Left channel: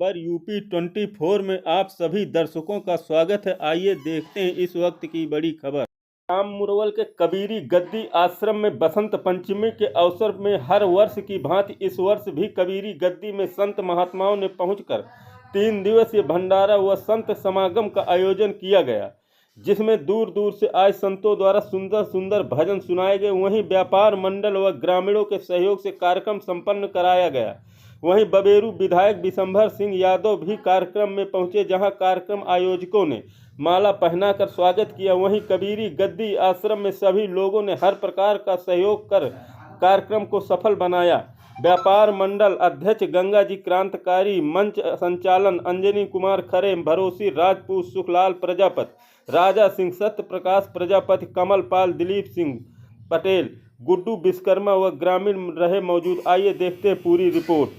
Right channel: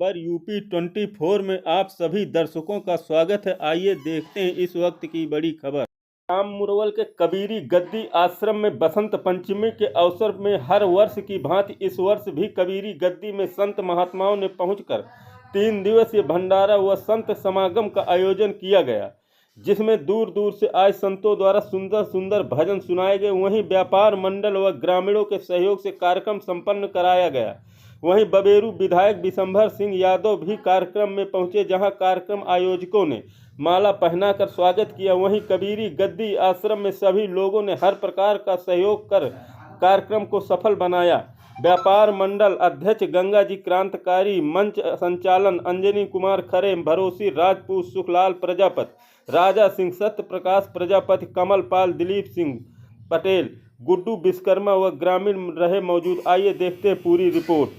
खबर यूपी 24 में आप सभी दर्शकों का स्वागत है। आइए देखते हैं इस वक्त की बड़ी खबर। राम मुरवल के कबीरी गद्दी आश्रम में बसंत पंचमी के अवसर में हर वर्ष की भांति इस वर्ष भी कबीरी गद्दी में संत महात्माओं ने पहुंचकर 3 दिवसीय भंडारा व संत समागम का आयोजन किया गया, जिसमें दूर दूर से आए संतों द्वारा सुंदर सुंदर भजन सुनाए गए। वहीं व्यापार मंडल व ग्रामीणों के सहयोग से कार्यक्रम संपन्न कराया गया। वहीं बबेरू विधायक विशंभर सिंह यादव भी कार्यक्रम में पहुंचे, जहां कार्यक्रम आयोजकों ने माला पहनाकर स्वागत किया। वहीं कबीरी गद्दी आश्रम में सभी लोगों ने हर प्रकार का सहयोग कर कार्यक्रम को सफल बनाया। व्यापार मंडल अध्यक्ष गंगा जी क्रांतिकारी, मंच संचालन अंजनी कुमार खरे, भरोसी राजपूत, सुखलाल प्रजापति, राजा सिंह, सत्य प्रकाश प्रजापति, कमल पाल, दिलीप सिंह पटेल, गुड्डू विश्वकर्मा व ग्रामीण रहे मौजूद। आइए देखते हैं पूरी रिपोर्ट।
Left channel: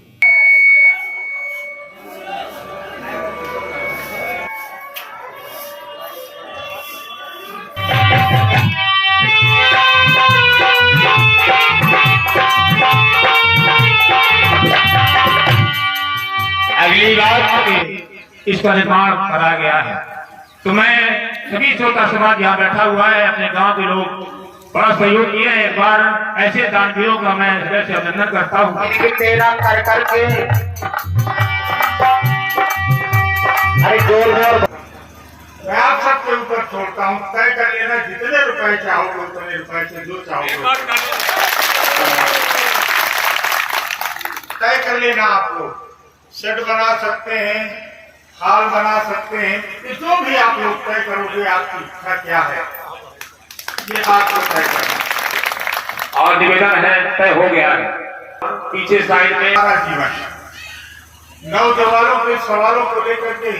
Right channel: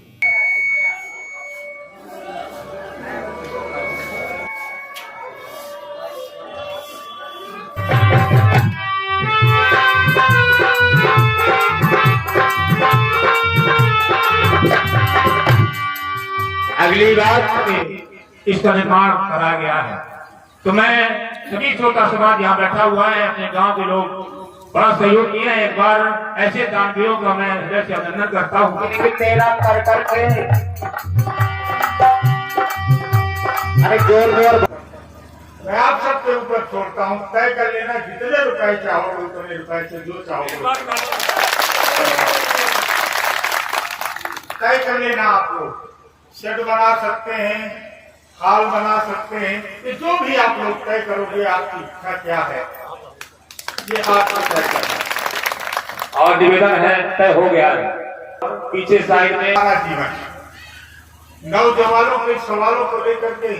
अगली रात इसका निर्माण करा गया है, तो मैं सभी श्रोता समाज यहाँ बैठा हुआ है, अपने गांव के लोग बड़ा सहयोग किए हैं। एक बार ऐसे दानवीरों का मैं हृदय से अभिनंदन करता हूँ। तेरा कर करके अरे जोर जोर मैं आप सबके ऊपर छोड़ता हूँ, तय कर लेना जितने रुपए चाहोगे उतने रुपए से जो चाहोगे तय कर लेना। आप लोग शेड बना सकते हैं, हाल बना सकते हैं, ये जो भी आप लोग तय करोगे, आपकी इच्छा क्या है ये बात को तय करना। और निवेदन है, तय हो गया है। पीछे साइड में जीवन नौजवानों के सवालों को लेकर के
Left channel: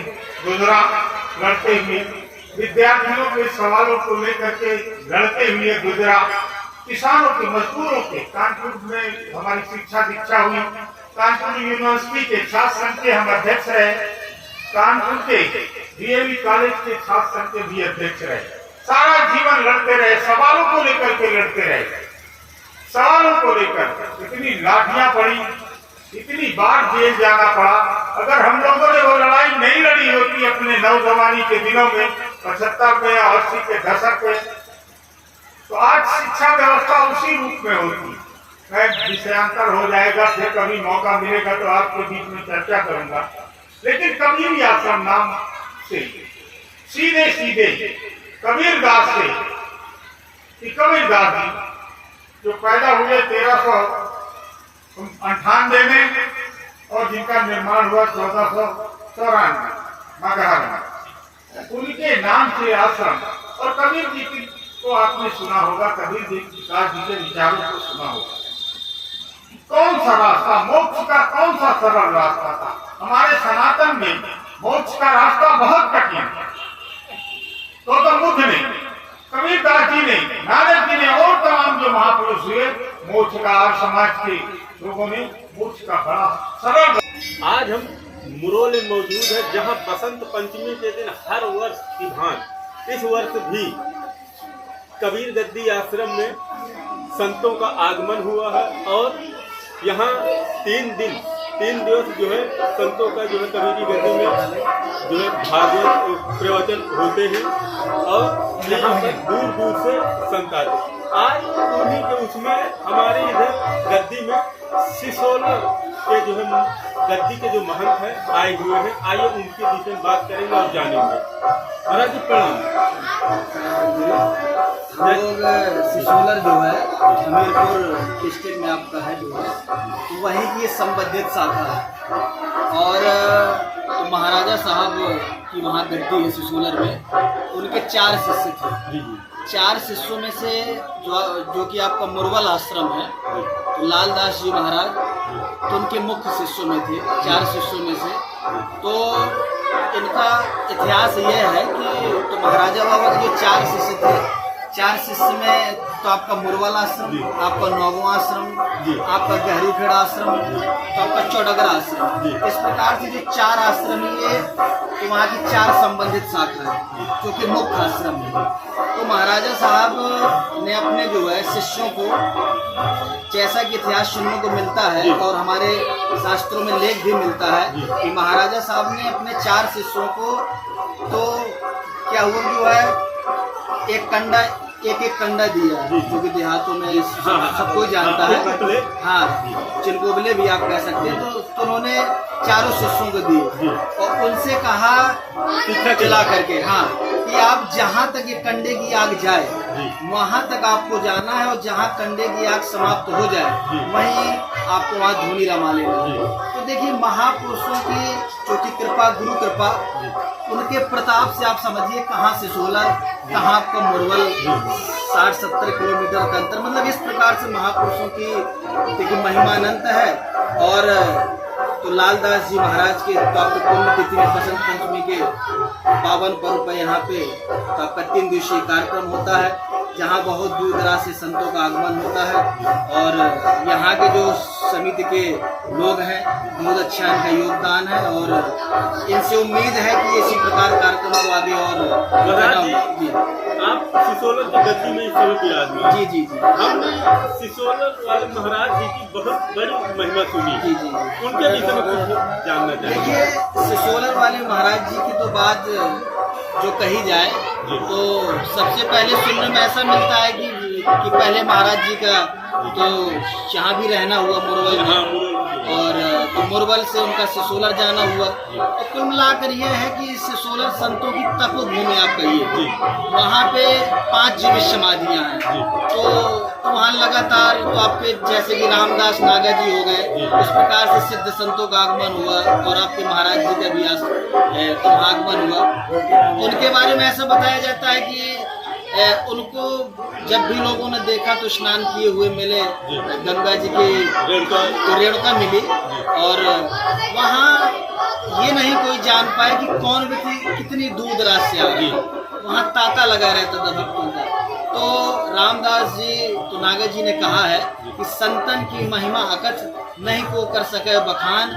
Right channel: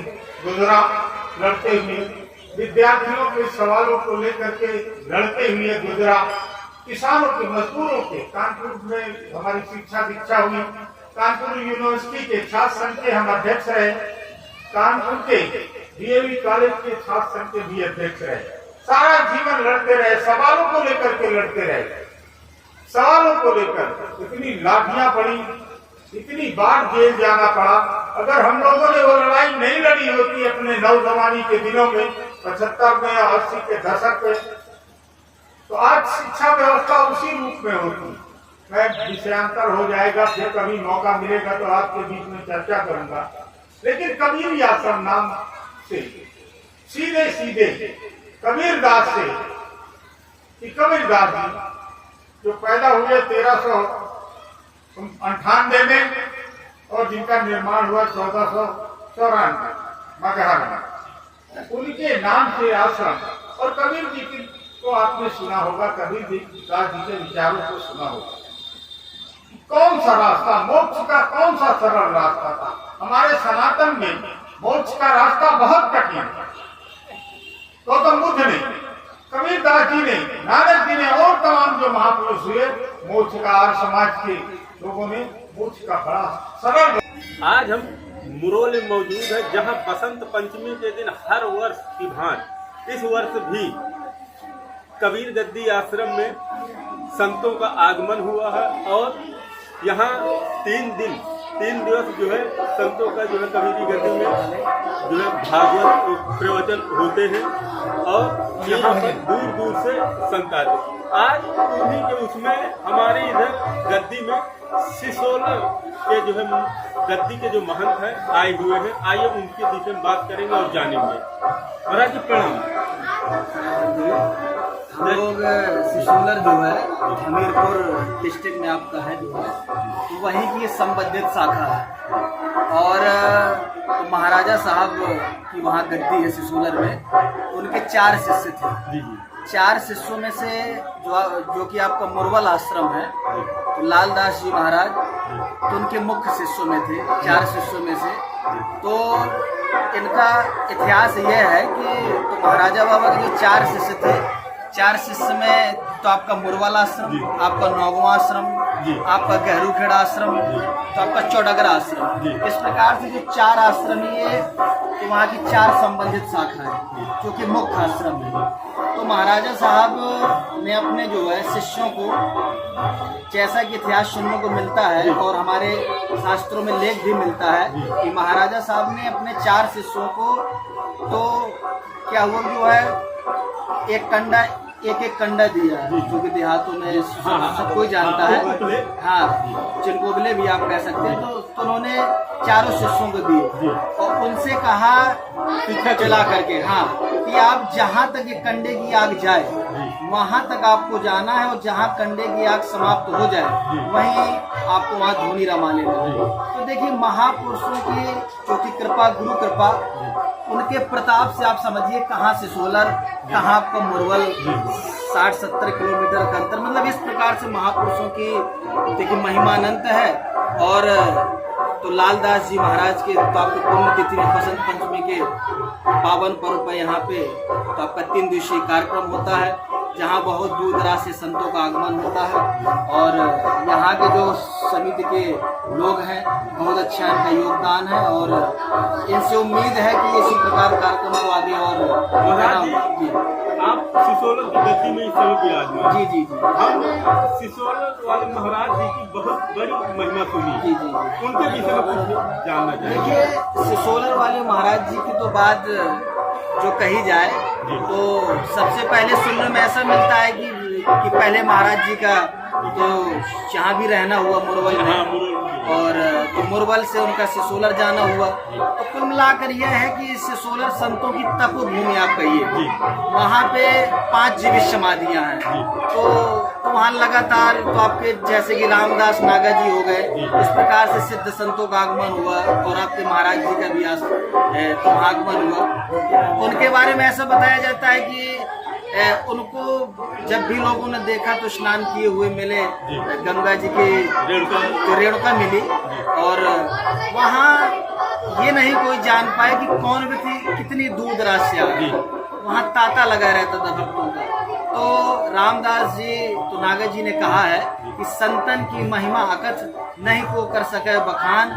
गुजरा लड़ते हुए, विद्यार्थियों के सवालों को लेकर के लड़ते हुए गुजरा, किसानों के, मजदूरों के। कानपुर में हमारी शिक्षा दीक्षा हुई, कानपुर यूनिवर्सिटी के छात्र संघ के हम अध्यक्ष रहे, कानपुर के डीएवी कॉलेज के छात्र संघ के भी अध्यक्ष रहे। सारा जीवन लड़ते रहे, सवालों को लेकर के लड़ते रहे, सवालों को लेकर इतनी लाठियां पड़ी, इतनी बार जेल जाना पड़ा। अगर हम लोगों ने वो लड़ाई नहीं लड़ी होती अपने नौजवानी के दिनों में, 75 में और 80 के दशक में, तो आज शिक्षा व्यवस्था उसी रूप में होती। विषयांतर हो जाएगा, फिर कभी मौका मिलेगा तो आपके बीच में चर्चा करूंगा। लेकिन कबीर आश्रम नाम से सीधे सीधे कबीरदास से, कबीरदास जी जो पैदा हुए 1398 में और जिनका निर्माण हुआ 1494 मगहर में, उनके नाम से आश्रम। और कबीर जी को आपने सुना होगा, कबीर जी के विचारों को सुना होगा। कौन सा रास्ता, मोक्ष का कौन सा सरल रास्ता था? हमारे सनातन में मोक्ष का रास्ता बहुत कठिन है। गौतम बुद्ध ने, कबीरदास जी ने, नानक जी ने और तमाम जो महापुरुष हुए, मोक्ष का और समाज के लोगों ने मोक्ष का बड़ा सरल। आज हम मुरवल में मौजूद है, जहां बसंत पंचमी के दिन हर वर्ष की भांति इस वर्ष भी कबीर गद्दी आश्रम में संतों का आगमन हुआ है। और यहाँ 3 दिवस जो है संतों का जो है कबीरी गद्दी में जो है भागवत प्रवचन होते हैं और यहाँ पर दूर दूर से संत आते हैं। आज उन्हीं के उसमें हमारे इधर गद्दी में सिसोलर के जो है गद्दी के जो महंत हैं आए हुए हैं। आइए उनके विषय में बात करेंगे और जानेंगे। महाराज जी प्रणाम। हम लोग सिसोलर जो है हमीरपुर डिस्ट्रिक्ट में आपका है जो है, तो वहीं की संबंधित शाखा है। और तो महाराजा साहब की वहाँ गद्दी है सिसोलर में, उनके 4 शिष्य थे। 4 शिष्यों में से जो कि आपका मुरवल आश्रम है, तो लालदास जी महाराज तो उनके मुख्य शिष्यों में थे, 4 शिष्यों में से। तो इनका इतिहास यह है कि तो महाराजा बाबा के जो 4 शिष्य थे, 4 शिष्य में तो आपका मुरवल आश्रम, आपका नौगवा आश्रम, आपका गहरूखेड़ा आश्रम, तो आपका चौडगरा आश्रम। इस प्रकार से जो 4 आश्रम ये तो वहाँ की 4 संबंधित शाखा है जो कि मुख्य आश्रम है। तो महाराजा साहब ने अपने जो है शिष्यों को, जैसा कि इतिहास सुनने को मिलता है और हमारे शास्त्रों में लेख भी मिलता है कि महाराजा साहब ने अपने 4 शिष्यों को तो क्या हुआ जो है एक कंडा दिया, जो कि देहातों में सब कोई जानता है, हाँ चिलगोबले भी आप कह सकते हैं। तो उन्होंने 4 शिष्यों को दिए और उनसे कहा चला करके, हाँ कि आप जहाँ तक ये कंडे की आग जाए वहाँ तक आपको जाना है और जहाँ कंडे की आग समाप्त हो जाए वहीं आपको वहाँ धूनी रमा लेना। तो देखिए महापुरुषों की जो कि कृपा, गुरु कृपा, उनके प्रताप से आप समझिए कहाँ से सोलर, कहाँ आपका मुरवल, 60-70 किलोमीटर का अंतर। मतलब इस प्रकार से महापुरुषों की देखिए महिमा अनंत है। और तो लालदास जी महाराज के तो आपके पुण्यतिथि में बसंत पंचमी के पावन पर्व पर यहाँ पे तो आपका 3 दिवसीय कार्यक्रम होता है, जहाँ बहुत दूर दराज से संतों का आगमन होता है। और यहाँ के जो समिति के लोग हैं बहुत अच्छा इनका योगदान है और इनसे उम्मीद है कि इसी प्रकार कार्यक्रम को आगे और जी। आप सिसोलर की गद्दी में इस समय विराजमान। जी जी जी। हमने सिसोलर वाले महाराज जी की बहुत बड़ी महिमा सुनी। जी जी। उनके विषय में कुछ जानना चाहिए। देखिए सिसोलर वाले महाराज जी की तो बात जो कही जाए तो सबसे पहले सुनने में ऐसा मिलता है कि पहले महाराज जी का तो यहाँ भी रहना हुआ मुरवल में, और तो मुरवल से उनका सिसोलर जाना हुआ। तो कुल मिलाकर यह है कि सिसोलर संतों की तपोभूमि आप कहिए, वहाँ पे 5 जीवित समाधियाँ हैं। तो वहाँ लगातार तो आपके जैसे कि रामदास नागा जी हो गए, इस प्रकार से सिद्ध संतों का आगमन हुआ और आपके महाराज जी का भी तो आगमन हुआ। उनके बारे में ऐसा बताया जाता है कि उनको जब भी लोगों ने देखा तो स्नान किए हुए मिले गंगा जी के, तो रेणुका मिली। और वहाँ ये नहीं कोई जान पाए कि कौन व्यक्ति कितनी दूर दराज से आ गई, वहाँ तांता लगा रहता था भक्तों का। तो रामदास जी तो नागा जी ने कहा है कि संतन की महिमा अकथ नहीं को कर सके बखान,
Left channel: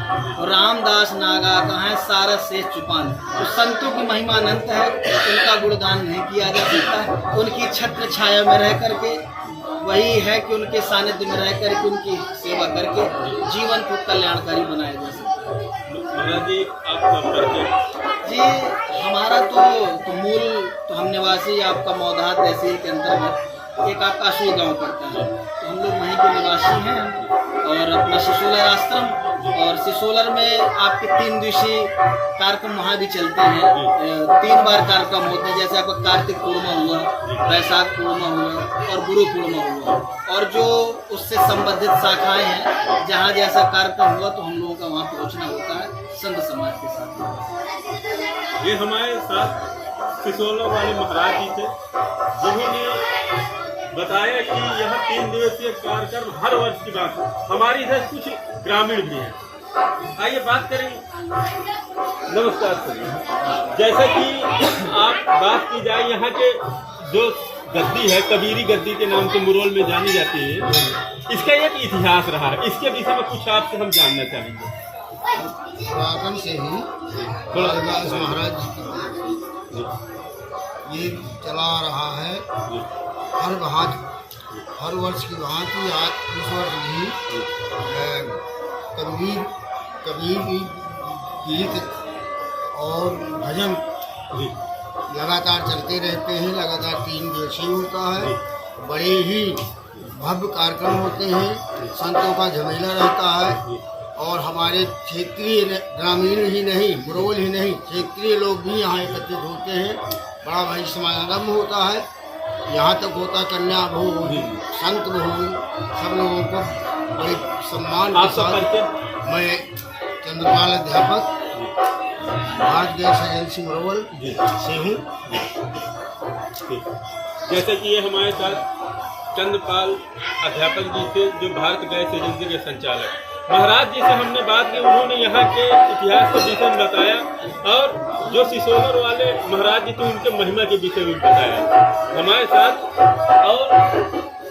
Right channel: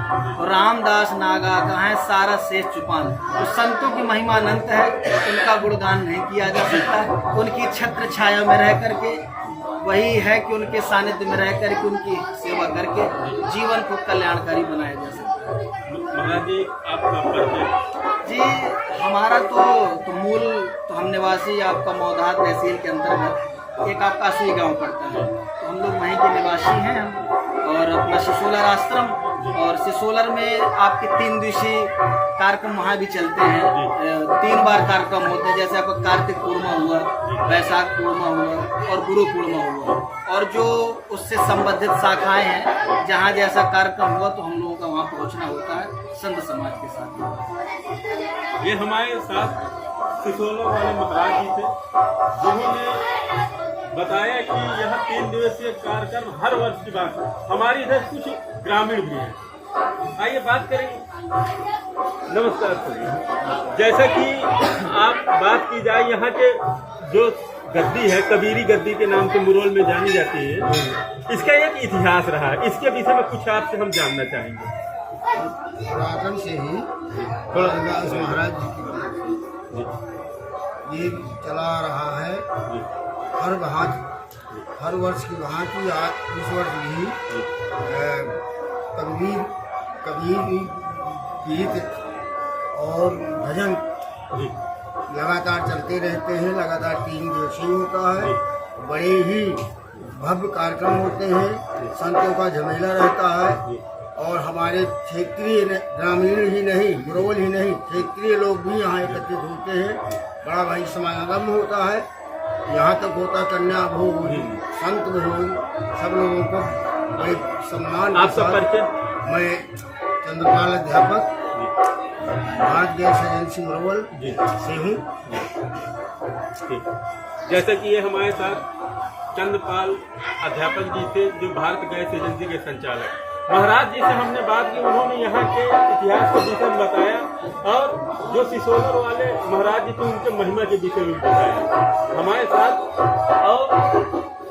रामदास नागा कहाँ सारा शेष चुपान। तो संतों की महिमा अनंत है, उनका गुणगान नहीं किया जा सकता। उनकी छत्र छाया में रह करके वही है कि उनके सानिध्य में रह करके उनकी सेवा करके जीवन को कल्याणकारी बनाया जा सकता है। महाराज जी आपका परिचय? जी हमारा तो मूल तो हम निवासी आपका मौधा तहसील के अंतर्गत एक आपका असुई गाँव पड़ता है, तो हम लोग वहीं के निवासी हैं हम। और अपना सिसोलर आश्रम, और सिसोलर में आपके 3 दिवसीय कार्यक्रम वहाँ भी चलते हैं। 3 बार कार्यक्रम होते हैं, जैसे आपका कार्तिक पूर्णिमा हुआ, वैशाख पूर्णिमा हुआ और गुरु पूर्णिमा हुआ। और जो उससे संबंधित शाखाएं हैं, जहाँ जैसा कार्यक्रम हुआ तो हम लोगों का वहाँ पहुँचना होता है संत समाज के साथ। ये हमारे साथ सिसोलर वाले महाराज जी थे, जिन्होंने बताया कि यह 3 दिवसीय कार्यक्रम हर वर्ष की बात है। हमारी इधर कुछ ग्रामीण भी हैं, आइए बात करेंगे। नमस्कार सर। जैसा कि आप बात की जाए, यहाँ के जो गद्दी है कबीरी गद्दी के नाम से मुरवल में जानी जाती है, इसका एक इतिहास रहा है, इसके विषय में कुछ आपसे हम जानना चाहेंगे। पुरातन से ही लालदास महाराज जी की ये चला आ रहा है। हर वर्ष की भांति आज इस वर्ष भी कबीर गीत और भजन लगातार चलते रहते हैं। लगातार 3 दिवसीय होता है। बड़े ही भव्य कार्यक्रम होते हैं, संतों का झमेला रहता है। और हमारे क्षेत्रीय ग्रामीण ही नहीं, मुरवल ही नहीं, क्षेत्रीय लोग भी यहाँ एकत्रित होते हैं। बड़ा भाई समागम होता है। यहाँ तक होता कन्या भोज, संत भोज, सब लोगों को बड़े सम्मान के साथ। मैं चंद्रपाल अध्यापक भारत गैस एजेंसी मुरवल से हूँ। जैसे कि ये हमारे साथ चंद्रपाल अध्यापक जी थे, जो भारत गैस एजेंसी के संचालक। महाराज जी से हमने बात की, उन्होंने यहाँ के इतिहास के विषय में बताया, और जो सिसोलर वाले महाराज जी थे उनके महिमा के विषय में बताया हमारे साथ। और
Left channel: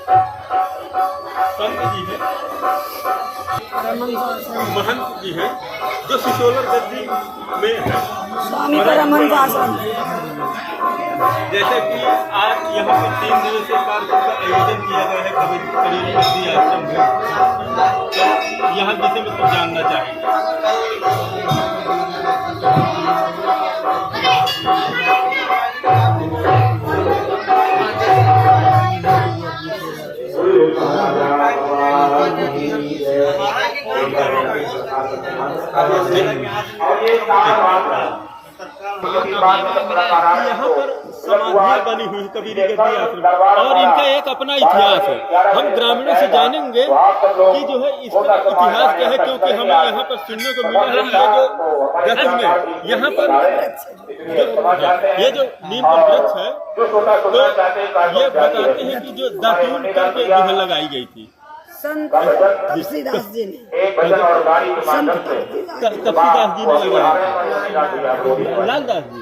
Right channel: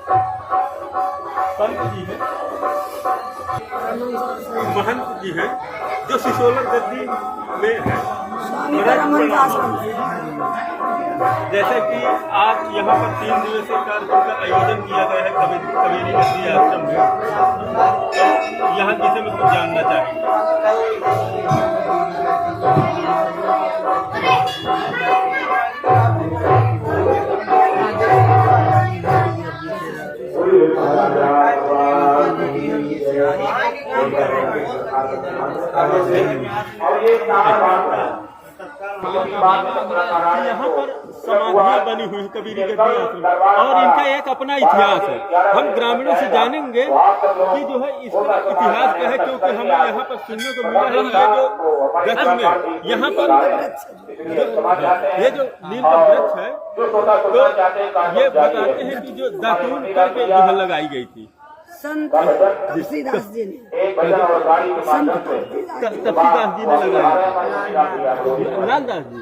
संत जी हैं, महंत जी हैं, जो सिसोलर गद्दी में है। जैसे कि आज यहाँ पर 3 दिवसीय कार्यक्रम का आयोजन किया गया है कबीरी गद्दी आश्रम में। यहाँ जिसे मैं कुछ जानना चाहेंगे। यहाँ पर समाधियाँ बनी हुई कबीरी गद्दी आश्रम और इनका एक अपना इतिहास है। हम ग्रामीणों से जानेंगे कि जो है इसका इतिहास क्या है, क्योंकि हमें यहाँ पर सुनने को मिला है ये जो में यहाँ पर ये जो नीम का वृक्ष है, तो ये बताते हैं कि जो दातून करके जो है लगाई गई थी संत तुलसीदास जी ने, संत कबीरदास जी ने लगाया, लालदास जी